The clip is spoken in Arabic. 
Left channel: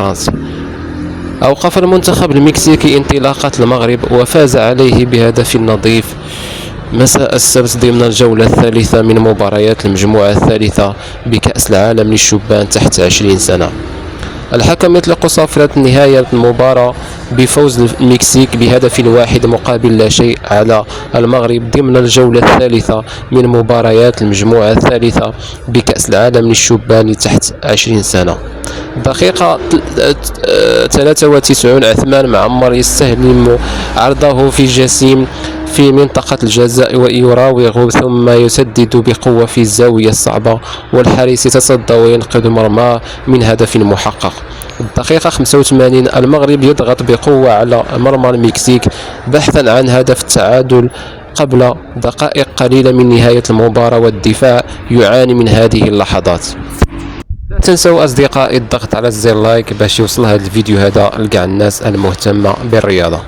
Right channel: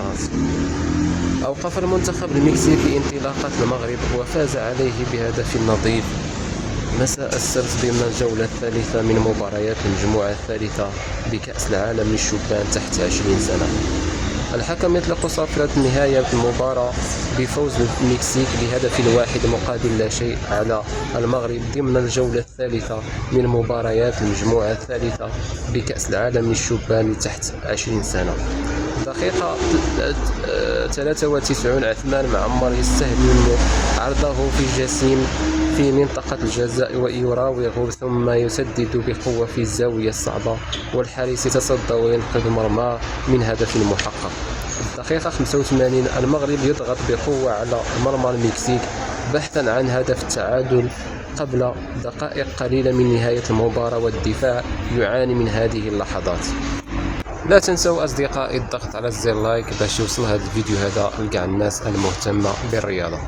فرنسا. أوقف المنتخب المكسيكي انطلاقة المغرب وفاز عليه بهدف نظيف مساء السبت ضمن الجولة الثالثة من مباريات المجموعة الثالثة بكأس العالم للشبان تحت 20 سنة. الحكم يطلق صافرة نهاية المباراة بفوز المكسيك بهدف واحد مقابل لا شيء على المغرب ضمن الجولة الثالثة من مباريات المجموعة الثالثة بكأس العالم للشبان تحت 20 سنة. دقيقة 93 عثمان معمر يستهلم عرضه في جسيم في منطقة الجزاء ويراوغ ثم يسدد بقوة في الزاوية الصعبة، والحارس يتصدى وينقذ مرماه من هدف محقق. الدقيقة 85 المغرب يضغط بقوة على مرمى المكسيك بحثا عن هدف التعادل قبل دقائق قليلة من نهاية المباراة، والدفاع يعاني من هذه اللحظات. لا تنسوا أصدقائي الضغط على زر لايك باش يوصل هذا الفيديو هذا لكاع الناس المهتمة بالرياضة.